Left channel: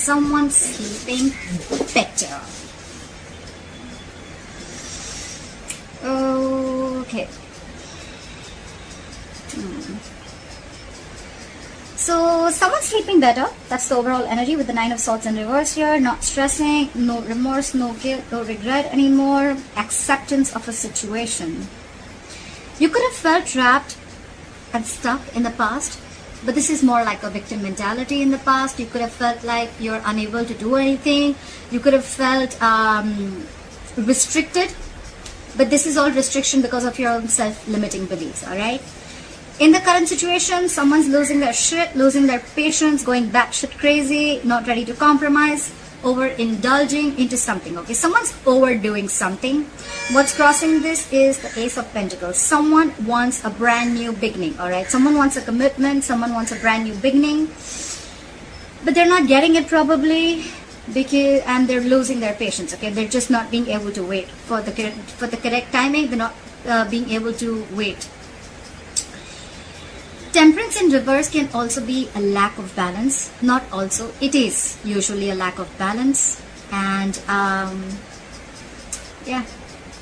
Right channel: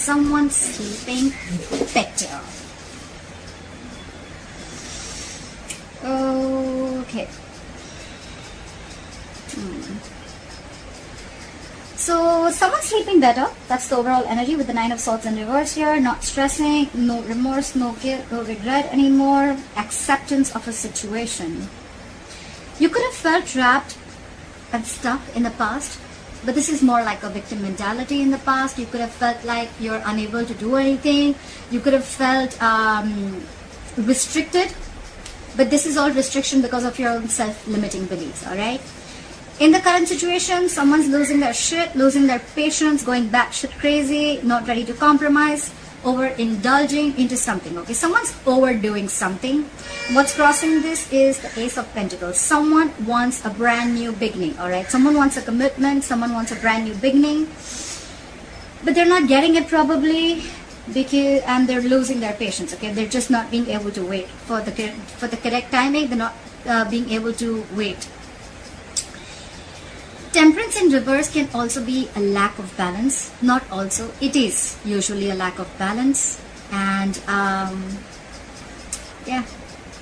someone sleeping better. Okay. So someone's sleeping better. That's the overall energy with the 9 of Swords in reverse here. Not stressing, no remorse, no guilt, no regret anymore. Acceptance of a situation. You could have felt trapped and stuck in the past, but this is more like a victim mentality in the past. You could have felt like you're unable to do anything. You could have felt restricted, but this is all restriction because of your own self-limiting beliefs, alright? In the current situation, someone's losing their shit, losing their patience, going batshit crazy, not ready to compromise, overindulging into something, okay? Someone's overdoing something. What's crossing this is the Ace of Pentacles. Someone wants a brand new beginning, alright? Someone wants a commitment, someone wants a brand new beginning, but they're not getting it probably, and they're losing their patience, okay? They're just not being able to wait for the correct timing. They're not being able to wait. Temperance in reverse can also be a lack of balance. Not also, it is usually a lack of balance. And yeah,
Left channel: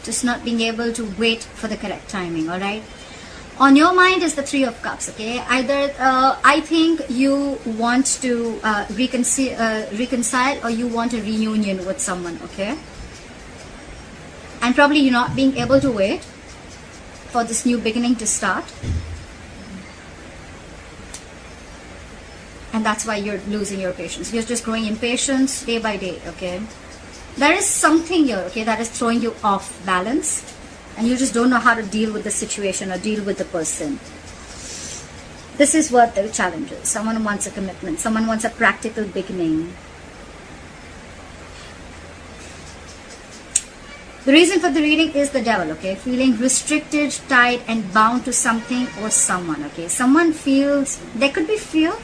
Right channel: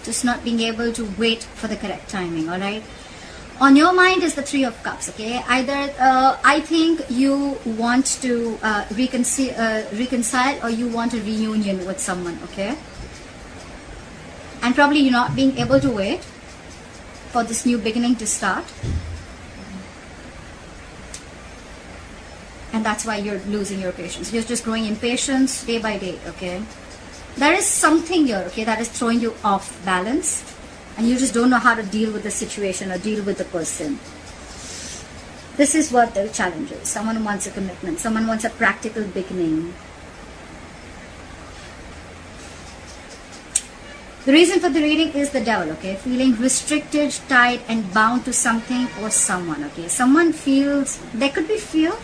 just not being able to wait for the correct timing, alright? On your mind is the 3 of Cups, okay? Either, I think you want to reconcile or you want a reunion with someone, okay? And probably you're not being able to wait for this new beginning to start. And that's why you're losing your patience. You're just growing impatience day by day, okay? There is something here, okay, that is throwing you off balance. And you just don't know how to deal with the situation or deal with the person. This is what the challenge is. Someone wants a commitment. Someone wants a practical beginning. The reason for the reading is the Devil, okay? Feeling restricted, tied, and bound to something or someone, okay? Someone feels, there could be fear.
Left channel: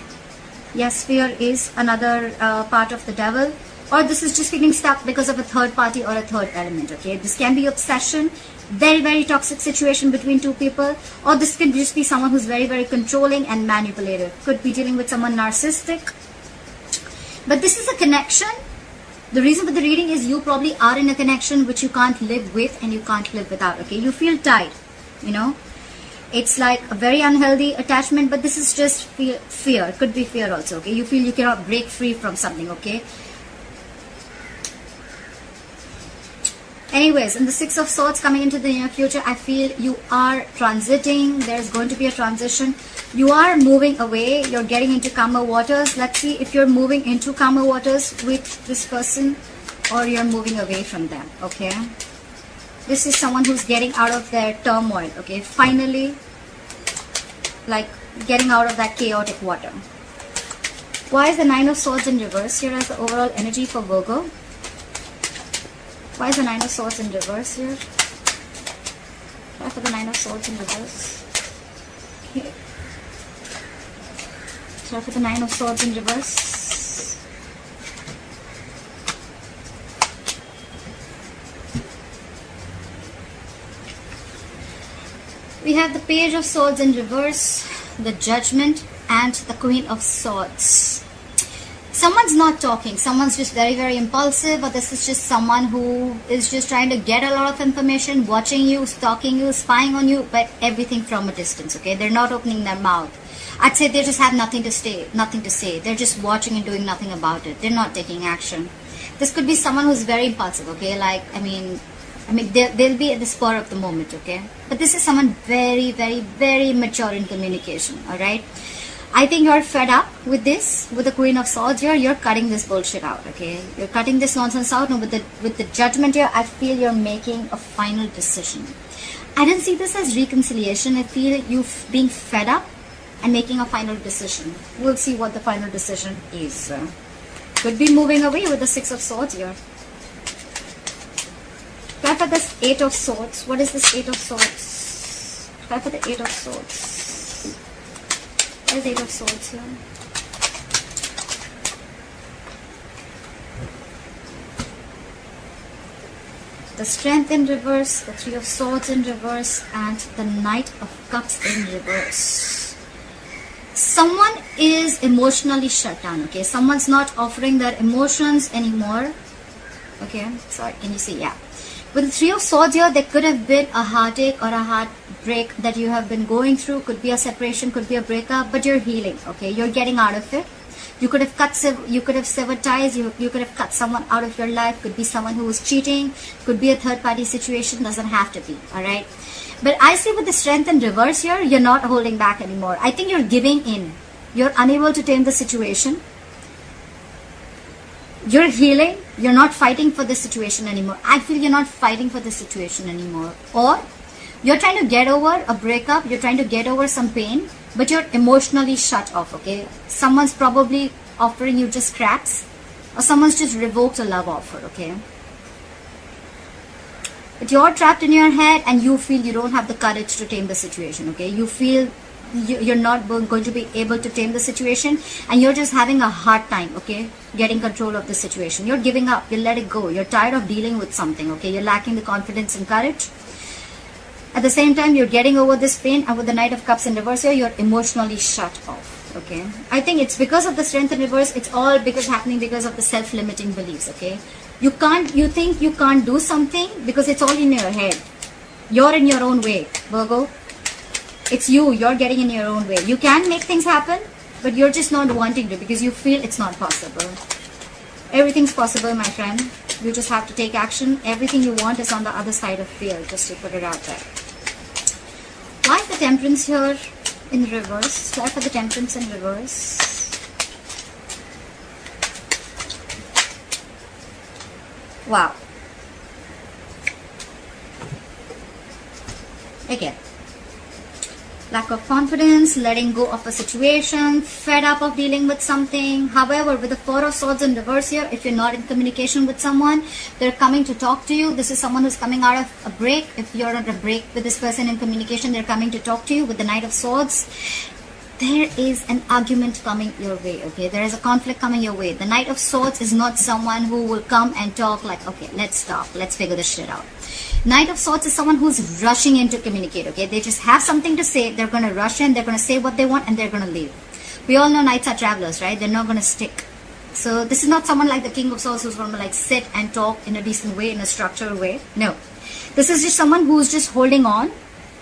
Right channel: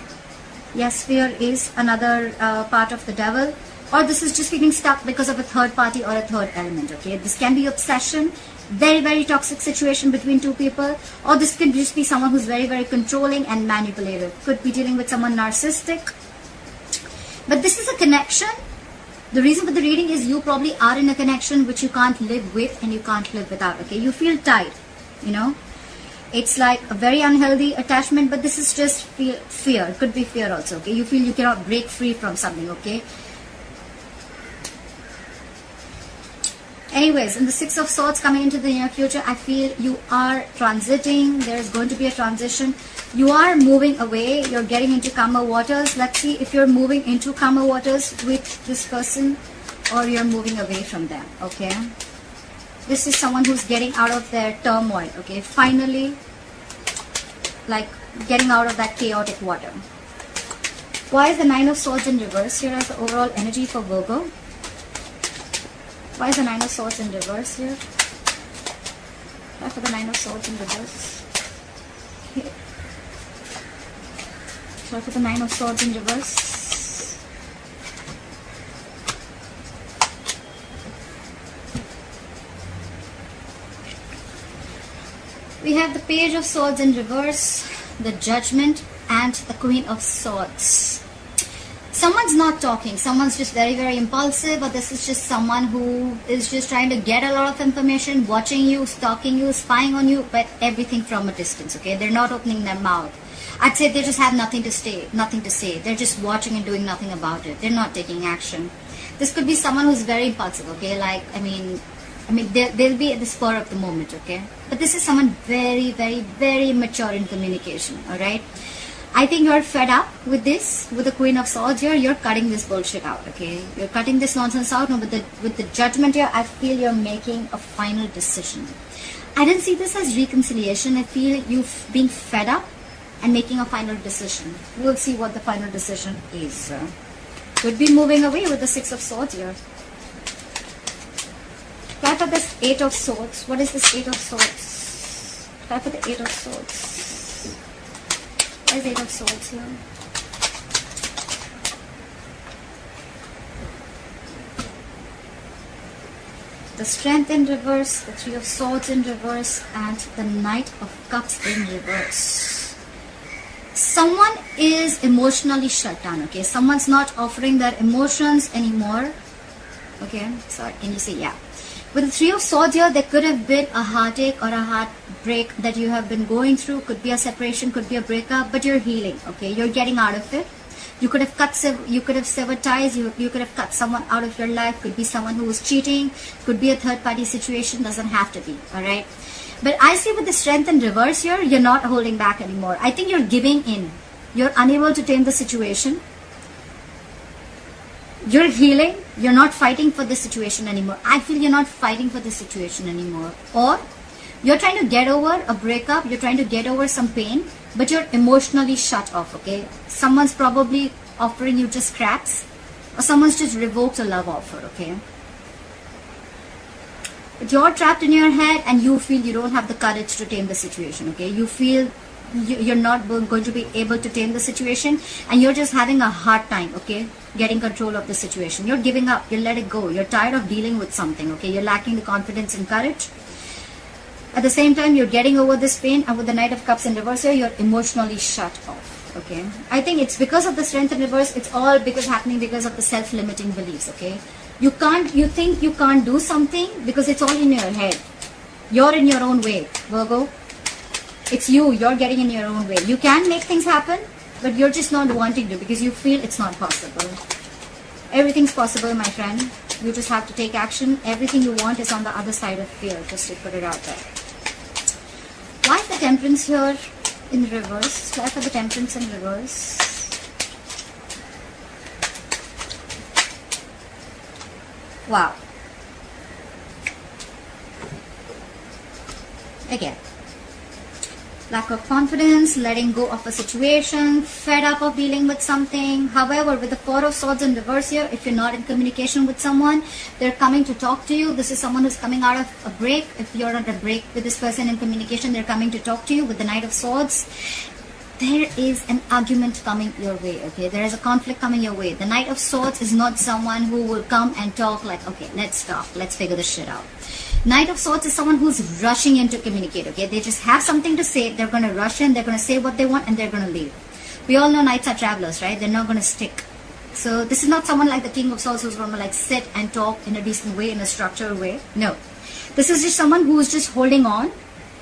Yes, fear is another part of the Devil. Or this is just feeling stuck because of a third party or a third element, okay? This can be obsession, very, very toxic situation between two people. Or this can just be someone who's very, very controlling and manipulative. Could be dealing with someone narcissistic. But this is a connection. The reason for the reading is you probably are in a connection which you can't live with and you can't live without, okay? You feel tied, you know? It's like a very unhealthy attachment, but this is just fear. It could be fear also, okay? You feel you cannot break free from something, okay? Anyways, in the 6 of Swords coming into the near future, I feel you are transiting. There's going to be a transition. You are moving away. You're getting into calmer waters. Let's see if you're moving into calmer waters with this person or you're moving away from them, okay? This is someone who's getting out of their turmoil, okay? Finally, like getting out of that chaotic water. Why is the 9 of Swords in reverse here as the overall energy for Virgo? Why is the 9 of Swords in reverse here? Why for the 9 of Swords in reverse? Okay. So for the 9 of Swords in reverse. We have the Page of Swords in reverse, the Judgment, and the Queen of Swords. Someone's not talking. Someone's just very, very impulsive, or this is just someone who is just trying to get a lot of information, watching you, stalking you, spying on you, but everything from a distance, okay? They're not opening their mouth. I'd say they just have nothing to say. They're just watching and doing nothing about it. They're not taking action. This could be someone who's very impulsive, okay? Like, I mean, they'll be at the spur of the moment, okay? But this is someone very, very, very mature in communication, alright? I think you're fed up with this, with the Queen of Swords here. You're cutting this bullshit out, okay? You're cutting this nonsense out. And with the Judgment here, I feel you're making a final decision. I don't see this as reconciliation. I feel you being fed up and making a final decision. We'll see what the final decision is. Could be moving away with the 6 of Swords here. Try for this 8 of Swords. What is this 8 of Swords? Try for the 8 of Swords. What is 8 of Swords here? The Strength in reverse, the 3 of Swords in reverse, and the Knight of Cups in reverse. Someone is emotionally shut down, okay? Someone's not offering their emotions anymore. Okay, sorry, can you see? Yeah. With the Three of Swords here, there could have been a heartache or a heartbreak that you have been going through. Could be a separation, could be a breakup, but you're healing, okay? You're getting out of it. You could have severed ties. You could have cut someone out of your life. Could be someone who was cheating. Could be a third-party situation. Doesn't have to be, all right? But I see with the Strength in reverse here, you're not holding back anymore. I think you're giving in. You're unable to tame the situation. You're healing. You're not fighting for the situation anymore. I feel you're not fighting for the situation anymore. Or you're trying to get over a breakup. You're trying to get over some pain, but you're emotionally shut off, okay? Someone's probably offering you just scraps, or someone's just revoked a love offer, okay? But you're trapped in your head and you feel you don't have the courage to tame the situation, okay? You feel you're not going to be able to tame the situation, and you're just having a hard time, okay, getting control of the situation. You're giving up. You let it go. You're tired of dealing with something, okay? You're lacking the confidence and courage. At the same time, you're getting over this pain, and with the Knight of Cups in reverse here, you're emotionally shut off, okay? I think it's because of the Strength in reverse. It's all happening because of the self-limiting beliefs, okay? You think you can't do something because it's all in your head. You're in your own way, Virgo. It's you're getting in your own way. You can make things happen, but you're just not wanting to because you feel it's not possible. Everything's possible, my friend. You just have to take action. Everything you want is on the other side of fear, just to put it out there. Why is the Temperance here in reverse? Why for the Temperance in reverse? Wow. Again. Lack of confidence, letting go of the situation, fed up of dealing with something. However, with the Four of Swords in reverse here, if you're not in communication with someone, they're coming to talk to you. This is someone who's coming out of a break. If you're on a break with this person in communication, they're coming to talk to you. With the Knight of Swords, there is an argument coming your way, okay? There is a conflict coming your way. The Knight of Swords is not someone who will come and talk like, okay, let's stop, let's figure this shit out. Knight of Swords is someone who's rushing in to communicate, okay? They just have something to say, they're going to rush in, they're going to say what they want, and they're going to leave. We all know Knights are travelers, right? They're not going to stick. So this is not someone like the King of Swords who's going to like sit and talk in a decent way, in a structured way. No. This is just someone who's just holding on.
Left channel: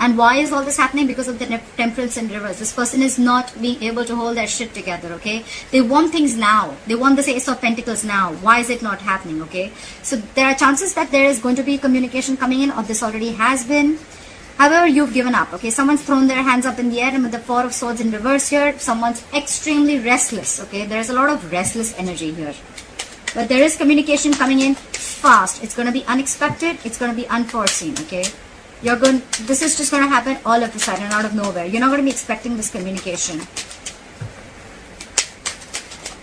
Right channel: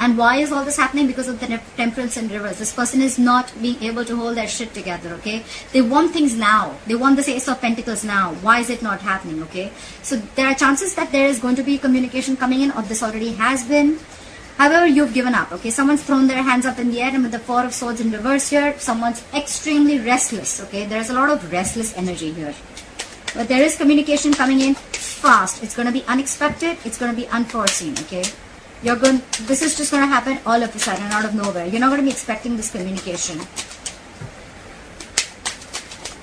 And why is all this happening? Because of the Temperance in reverse. This person is not being able to hold their shit together, okay? They want things now. They want this Ace of Pentacles now. Why is it not happening, okay? So there are chances that there is going to be communication coming in, or this already has been. However, you've given up, okay? Someone's thrown their hands up in the air, and with the Four of Swords in reverse here, someone's extremely restless, okay? There is a lot of restless energy here. But there is communication coming in fast. It's going to be unexpected. It's going to be unforeseen, okay? This is just going to happen all of a sudden, out of nowhere. You're not going to be expecting this communication.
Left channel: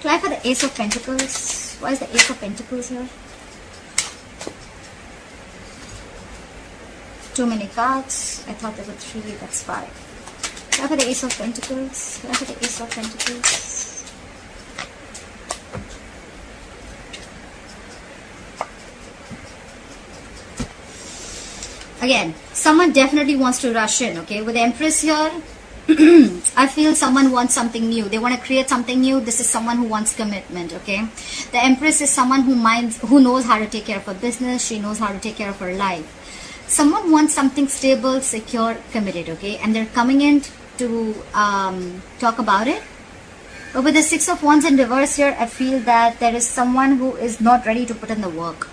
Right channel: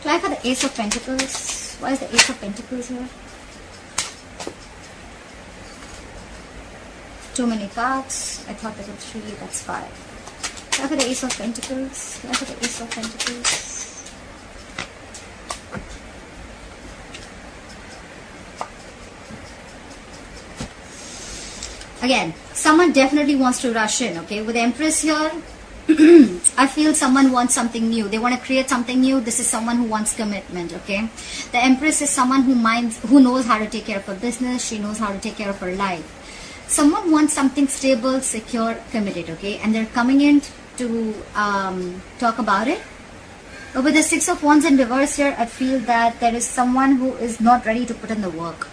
Try for the Ace of Pentacles. Why is the Ace of Pentacles here? Too many cards. I thought there were 3, that's 5. Try for the Ace of Pentacles. Try for the Ace of Pentacles. Again, someone definitely wants to rush in, okay? With the Empress here, I feel someone wants something new. They want to create something new. This is someone who wants commitment, okay? The Empress is someone who knows how to take care of her business. She knows how to take care of her life. Someone wants something stable, secure, committed, okay? And they're coming in to talk about it. But with the Six of Wands in reverse here, I feel that there is someone who is not ready to put in the work.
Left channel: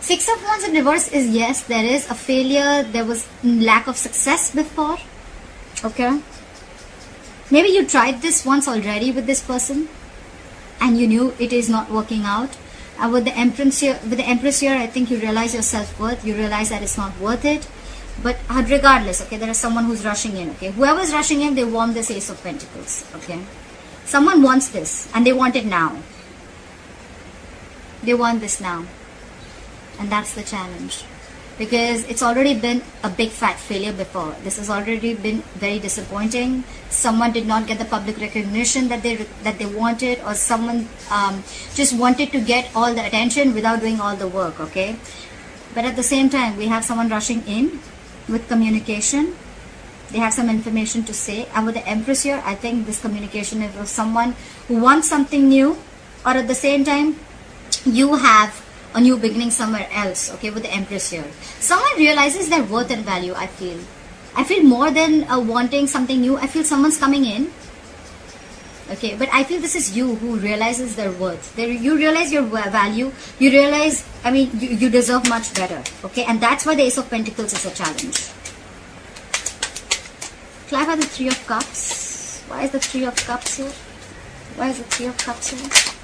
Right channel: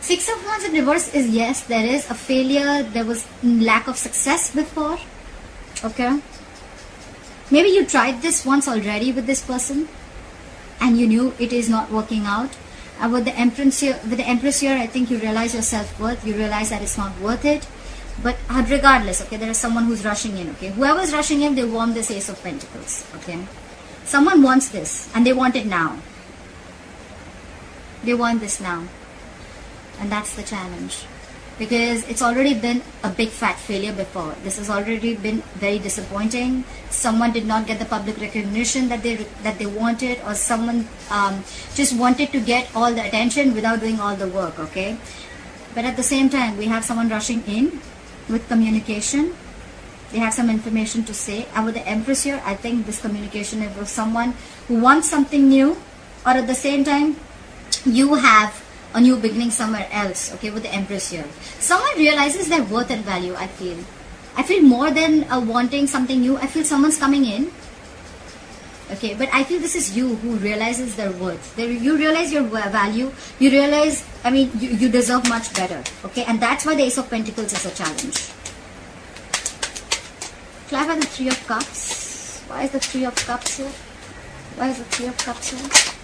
Six of Wands in reverse is, yes, there is a failure. There was lack of success before. Okay. Maybe you tried this once already with this person and you knew it is not working out. With the Empress here, I think you realize your self-worth. You realize that it's not worth it. But regardless, okay, there is someone who's rushing in, okay. Whoever's rushing in, they want this Ace of Pentacles, okay. Someone wants this and they want it now. They want this now. And that's the challenge, because it's already been a big fat failure before. This has already been very disappointing. Someone did not get the public recognition that they wanted, or someone just wanted to get all the attention without doing all the work, okay? But at the same time, we have someone rushing in with communication. They have some information to say. And with the Empress here, I think this communication is with someone who wants something new, or at the same time, you have a new beginning somewhere else, okay, with the Empress here. Someone realizes their worth and value, I feel. I feel more than wanting something new. I feel someone's coming in. Okay, but I feel this is you who realizes their worth. You realize your value. You realize, I mean, you deserve much better. Okay, and that's why the Ace of Pentacles is a challenge. Clarify the Three of Cups. Why is the Three of Cups here? Why is the Three of Cups here?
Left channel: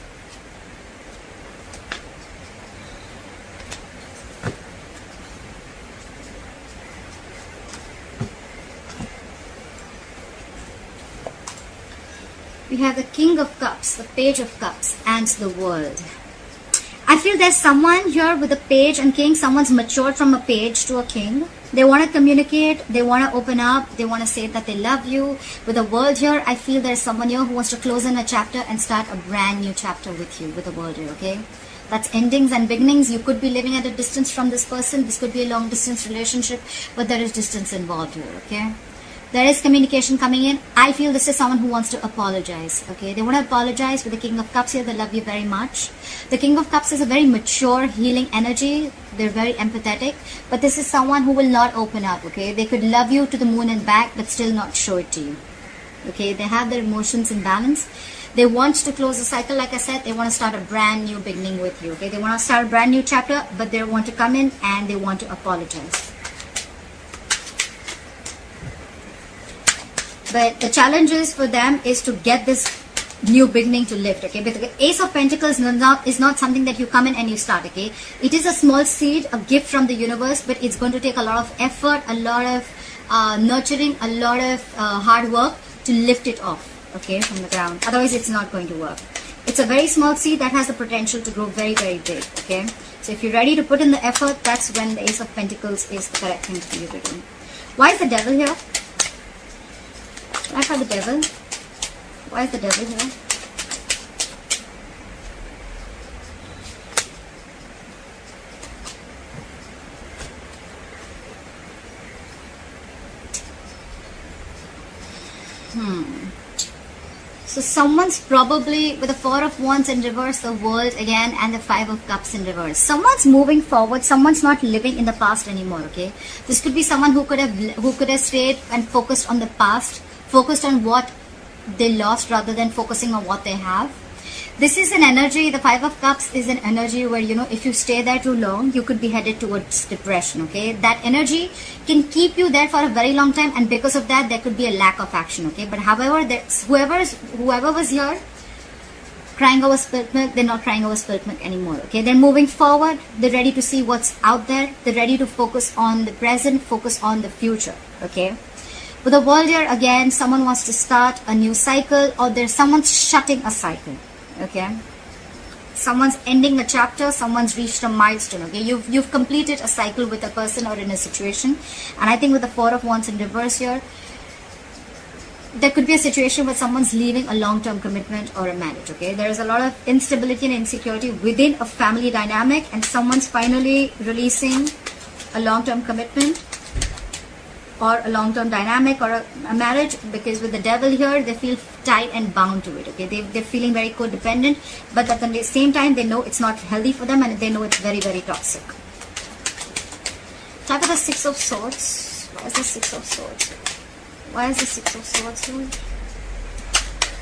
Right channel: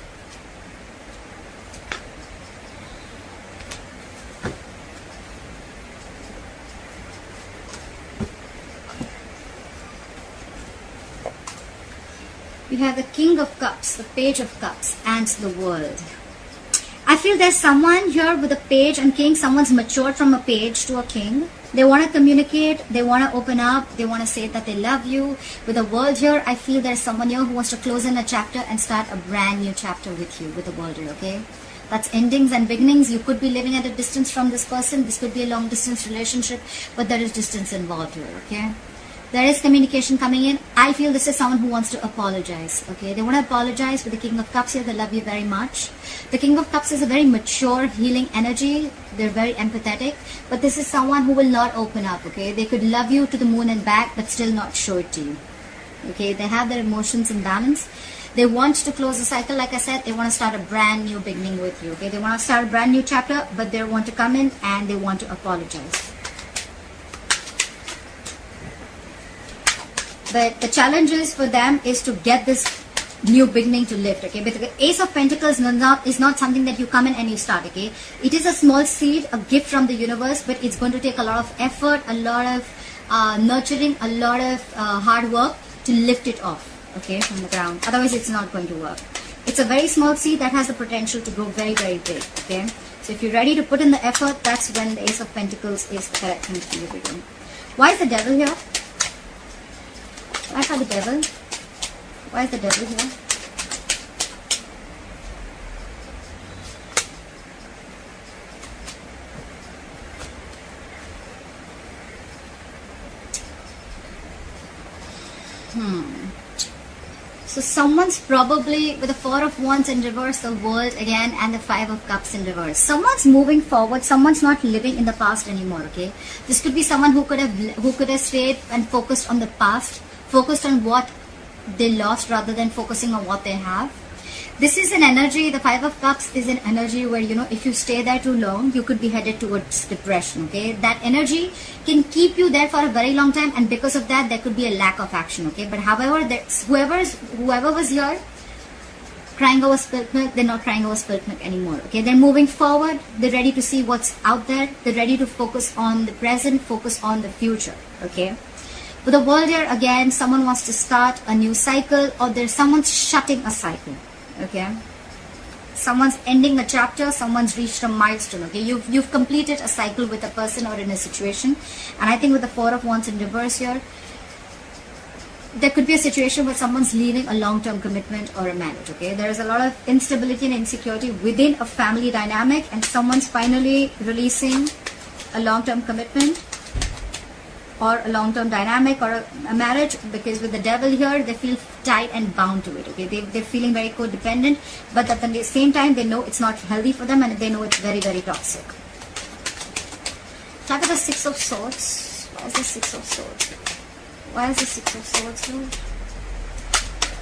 We have the King of Cups, the Page of Cups, and the World. I feel there's someone here with a Page and King. Someone's matured from a Page to a King. They want to communicate. They want to open up. They want to say that they love you. With the World here, I feel there's someone here who wants to close in a chapter and start a brand new chapter with you, with the World here, okay? That's endings and beginnings. You could be living at a distance from this person. This could be a long distance relationship, but there is distance involved here, okay? There is communication coming in. I feel this is someone who wants to apologize. Okay, they want to apologize. With the King of Cups here, they love you very much. The King of Cups is a very mature, healing energy. They're very empathetic. But this is someone who will not open up. Okay, they could love you to the moon and back, but still not show it to you. Okay, they have their emotions in balance. They want to close the cycle. Like I said, they want to start a brand new beginning with you. Okay, they want to start a brand new chapter, but they want to come in and they want to apologize. But the challenge is for them is to get this new beginning to lift, okay? But the Ace of Pentacles is not something that you come in and you start, okay? It is a small seed, a gift from the universe, but it's going to take a lot of effort, a lot of nurturing, a lot of hard work to lift it off, okay, from the ground. Otherwise, it's not going to work. It's a very small seed that has the potential to grow very, very big, okay? So if you're ready to put in the effort, that's when the Ace of Pentacles is the correct thing for you to do. Why is the Devil here? Why for the Devil? Why is the Devil here? So someone's probably with the Four of Wands in reverse, the World again, and the Five of Cups in reverse. Someone's moving forward. Someone's not living in the past anymore. Okay, this could be someone who could have stayed and focused on the past, focused on what they lost rather than focusing on what they have. This is an energy, the Five of Cups is an energy where, you know, if you stay there too long, you could be headed towards depression, okay? That energy can keep you there for a very long time, and because of that, there could be a lack of action, okay? But however, whoever was here crying over spilt milk, they're not crying over spilt milk anymore, okay? They're moving forward, they're ready to see what's out there, they're ready to focus on the present, focus on the future, okay? With the World here, again, someone wants to start a new cycle, or there's someone's shutting a cycle. Okay, someone's ending a chapter, someone's reached a milestone. Okay, you've completed a cycle with a person or in a situation. And I think with the Four of Wands in reverse here, there could be a situation where someone's leaving a long-term commitment or a marriage. Okay, there is a lot of instability and insecurity within a family dynamic, and someone's finally releasing a long-term commitment or a long-term dynamic or a marriage, because with the Devil here, they feel tied and bound to it, okay? They're feeling very codependent, but at the same time, they know it's not healthy for them, and they know it's very, very toxic. Talk about the Six of Swords. Why is the Six of Swords? Why is the Six of Swords here?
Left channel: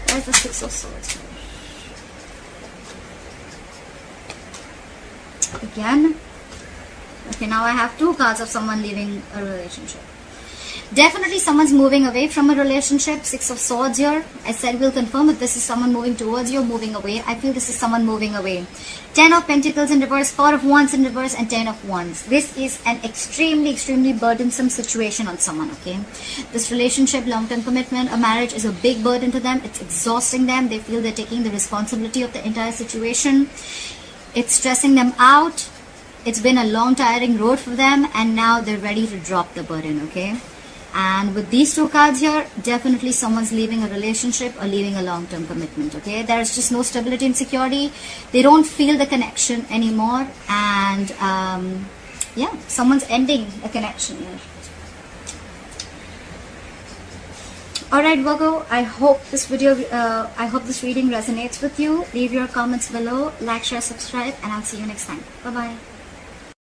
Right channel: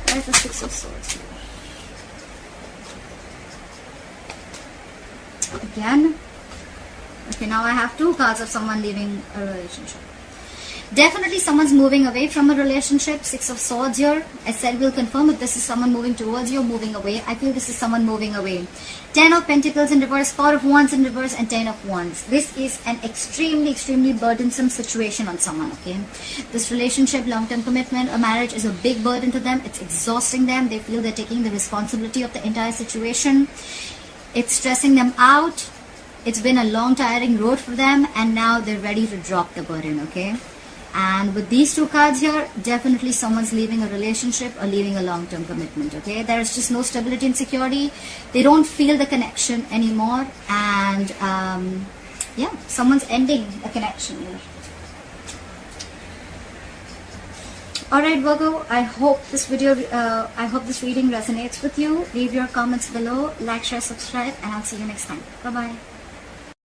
Why is the Six of Swords here? Again. Okay, now I have two cards of someone leaving a relationship. Definitely someone's moving away from a relationship. Six of Swords here. As I will confirm if this is someone moving towards you or moving away. I feel this is someone moving away. 10 of Pentacles in reverse, 4 of Wands in reverse, and 10 of Wands. This is an extremely, extremely burdensome situation on someone, okay? This relationship, long-term commitment, a marriage is a big burden to them. It's exhausting them. They feel they're taking the responsibility of the entire situation. It's stressing them out. It's been a long, tiring road for them, and now they're ready to drop the burden, okay? And with these two cards here, definitely someone's leaving a relationship or leaving a long-term commitment, okay? There's just no stability and security. They don't feel the connection anymore. And, yeah, someone's ending a connection here. Alright Virgo, I hope this this reading resonates with you. Leave your comments below, like, share, subscribe, and I'll see you next time. Bye bye.